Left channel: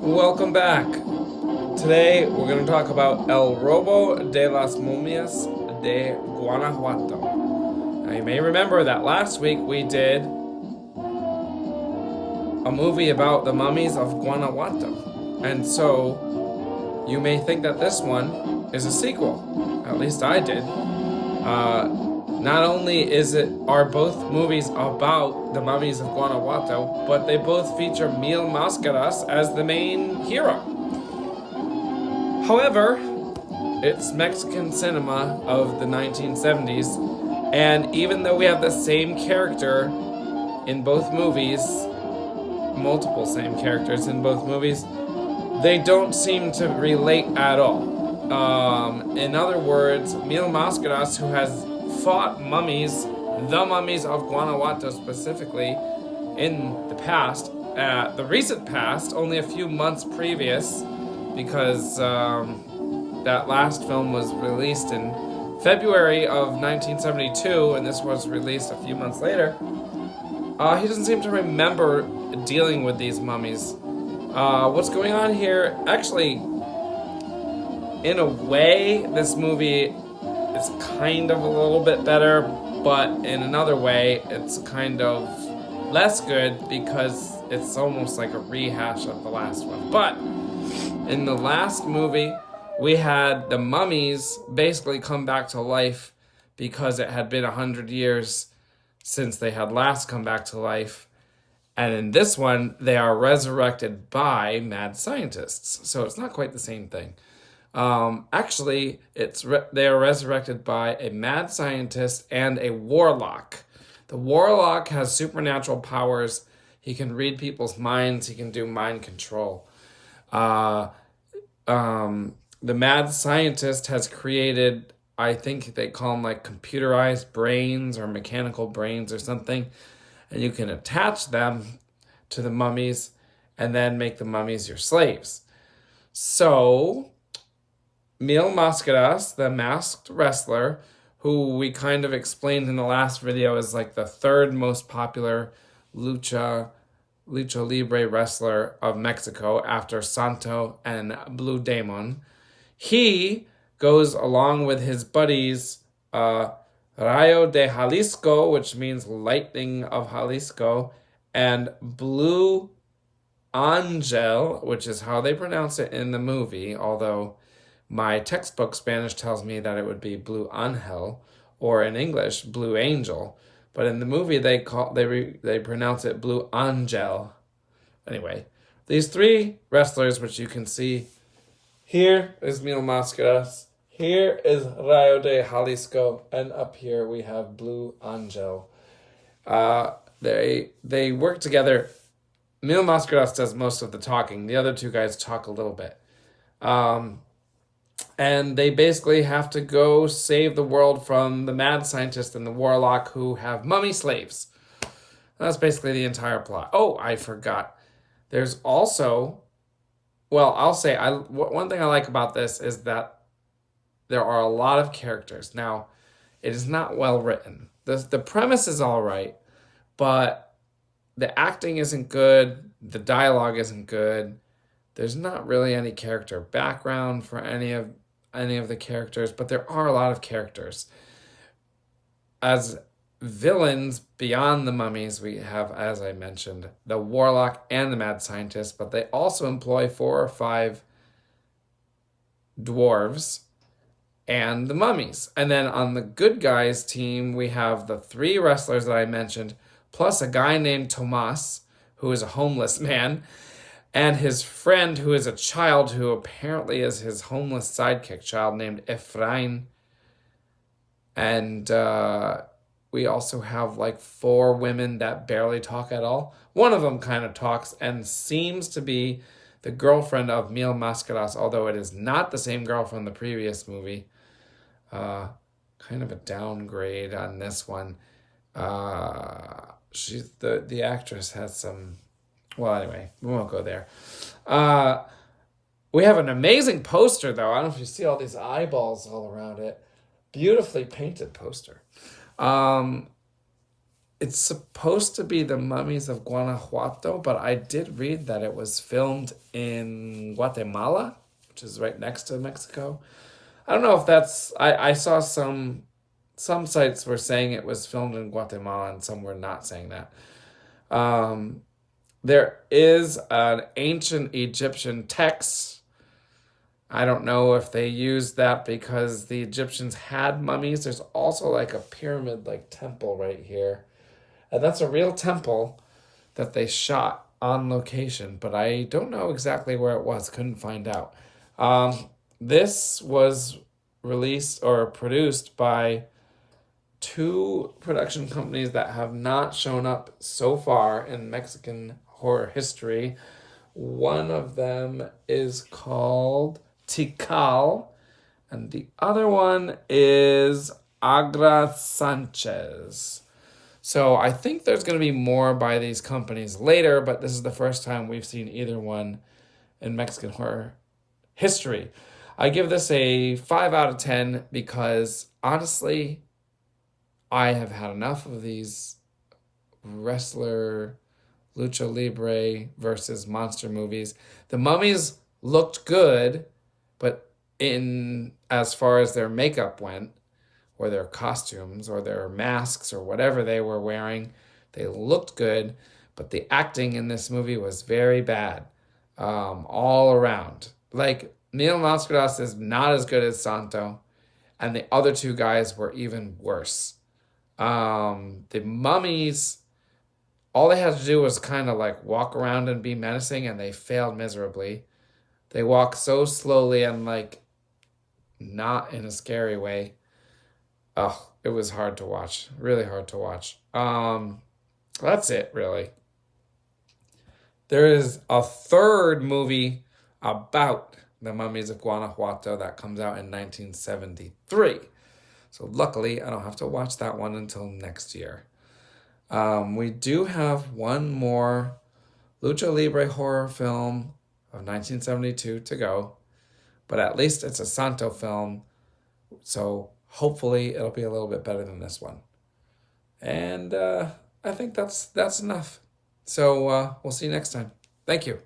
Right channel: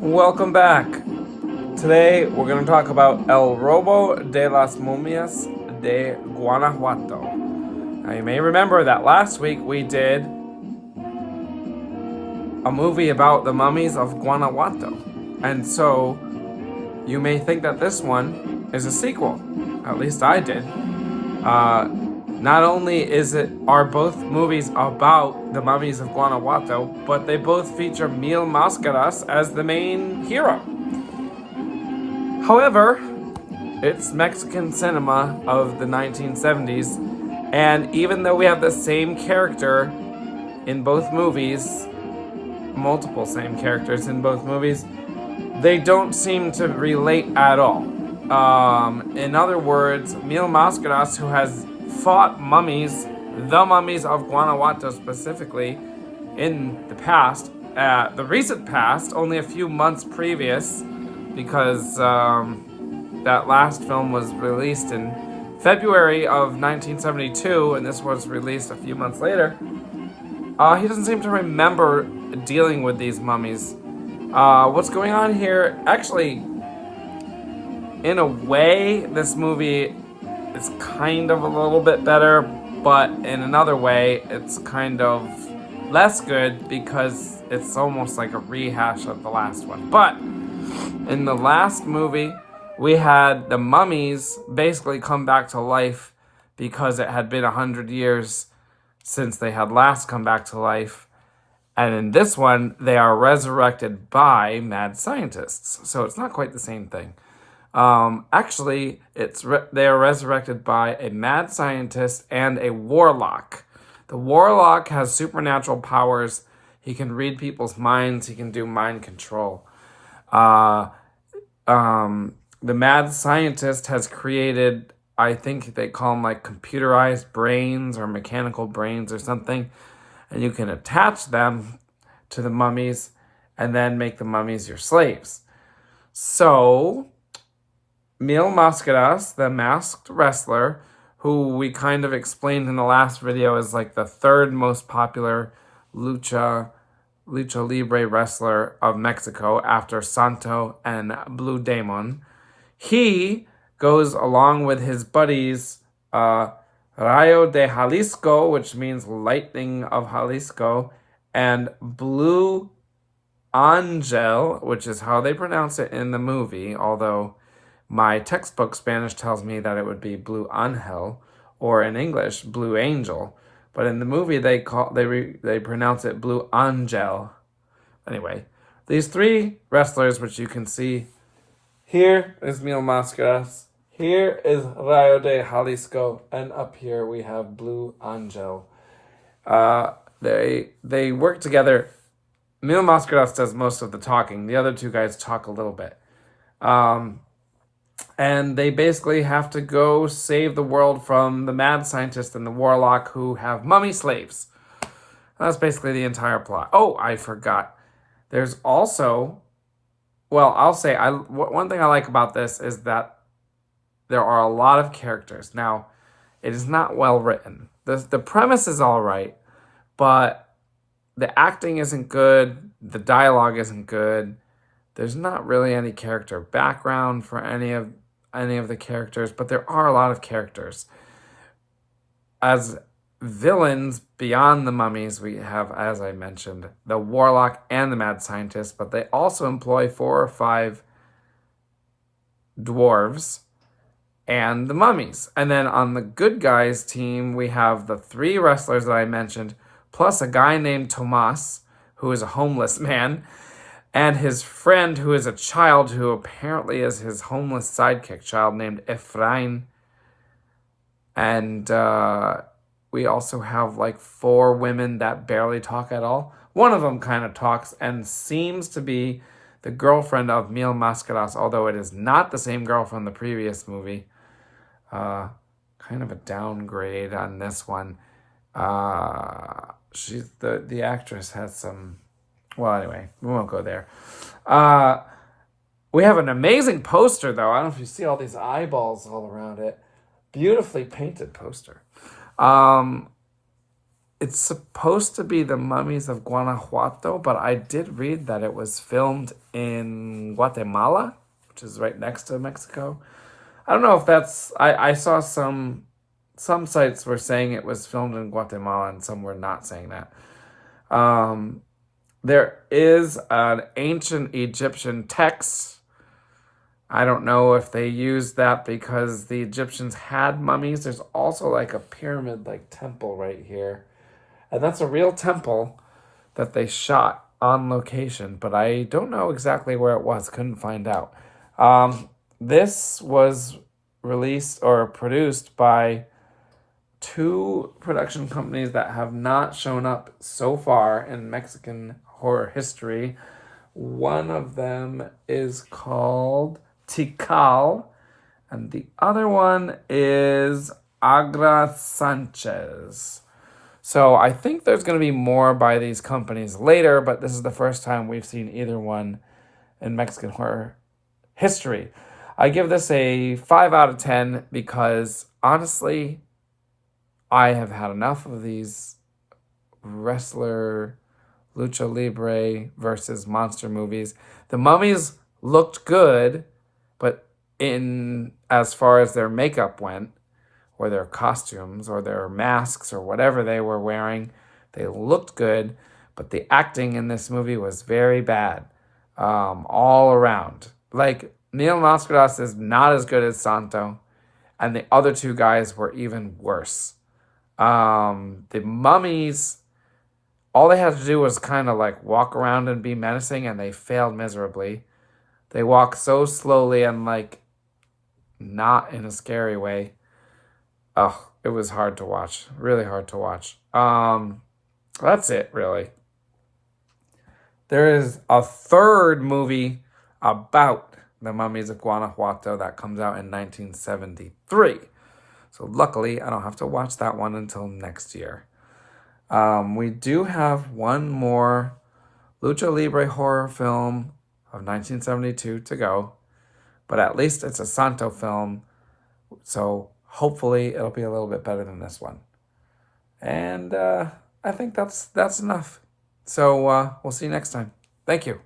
Welcome back. Today we're going to talk about El Robo de las Momias de Guanajuato. Now you may remember that last week we did a movie about the mummies of Guanajuato. And so you may think that this one is a sequel. At least I did. Not only are both movies about the mummies of Guanajuato, but they both feature Mil Mascaras as the main hero. However, it's Mexican cinema of the 1970s, and even though we have the same character in both movies, multiple same characters in both movies, they don't seem to relate at all. In other words, Mil Mascaras, who has fought mummies, the mummies of Guanajuato specifically, in the past, the recent past, only a few months previous, because that last film was released in February of 1972, and this was released a few months later. He doesn't seem to remember dealing with these mummies. What's going on here? Actually, in a way, this movie is kind of a little bit better, but in another way, it's kind of less good because it's almost like a rehash of the last one. But in the last movie, we had the mummies basically come back to life because it had been 100 years since they had last come back to life. And in this one, they are resurrected by mad scientists. So it's not quite the same thing. Actually, they are resurrected by a mad scientist and a warlock. The warlock has supernatural powers. He can read people's minds. He can do mind control. The mad scientist has created, I think they call them like computerized brains or mechanical brains or something. And you can attach them to the mummies and then make the mummies your slaves. So Mil Mascaras, the masked wrestler, who we kind of explained in the last video is like the third most popular lucha libre wrestler of Mexico after Santo and Blue Demon. He goes along with his buddies Rayo de Jalisco, which means lightning of Jalisco, and Blue Angel, which is how they pronounce it in the movie, although my textbook Spanish tells me that it would be Blue Angel, or in English, Blue Angel. But in the movie, they pronounce it Blue Angel. Anyway, these three wrestlers, which you can see, here is Mil Mascaras, here is Rayo de Jalisco, and up here we have Blue Angel. They work together. Mil Mascaras does most of the talking. The other two guys talk a little bit. And they basically have to go save the world from the mad scientist and the warlock who have mummy slaves. That's basically the entire plot. Oh, I forgot. There's also, well, I'll say, one thing I like about this is that there are a lot of characters. Now, it is not well written. The premise is all right, but the acting isn't good. The dialogue isn't good. There's not really any character background for any of the characters, but there are a lot of characters. As villains beyond the mummies, we have, as I mentioned, the warlock and the mad scientist, but they also employ 4 or 5 dwarves and the mummies. And then on the good guys team, we have the 3 wrestlers that I mentioned, plus a guy named Tomas, who is a homeless man, and his friend, who is a child who apparently is his homeless sidekick child named Efrain. And we also have like 4 women that barely talk at all. One of them kind of talks and seems to be the girlfriend of Mil Mascaras, although it is not the same girl from the previous movie. Kind of a downgrade on this one. She's the actress has some. Well, anyway, we won't go there. We have an amazing poster, though. I don't know if you see all these eyeballs all around it. Beautifully painted poster. It's supposed to be the Mummies of Guanajuato, but I did read that it was filmed in Guatemala, which is right next to Mexico. I don't know if that's. I saw some sites were saying it was filmed in Guatemala, and some were not saying that. Um, there is an ancient Egyptian text. I don't know if they used that because the Egyptians had mummies. There's also like a pyramid like temple right here. And that's a real temple that they shot on location, but I don't know exactly where it was. Couldn't find out. This was released or produced by two production companies that have not shown up so far in Mexican horror history. One of them is called Tikal, and the other one is Agra Sanchez. So I think there's going to be more by these companies later, but this is the first time we've seen either one in Mexican horror history. I give this a 5 out of 10 because honestly, I have had enough of these wrestler, lucha libre versus monster movies. The mummies looked good, but in as far as their makeup went, or their costumes, or their masks, or whatever they were wearing, they looked good, but the acting in this movie was very bad, all around. Like, Neil Mascaras is not as good as Santo, and the other two guys were even worse. The mummies, all they had to do was kind of like walk around and be menacing, and they failed miserably. They walk so slowly and like not in a scary way. Oh, it was hard to watch. Really hard to watch. That's it, really. There is a third movie about the Mummies of Guanajuato that comes out in 1973. So luckily, I don't have to watch that one until next year. We do have one more lucha libre horror film of 1972 to go, but at least it's a Santo film, so hopefully it'll be a little bit better than this one. And I think that's enough. So we'll see you next time. Thank you.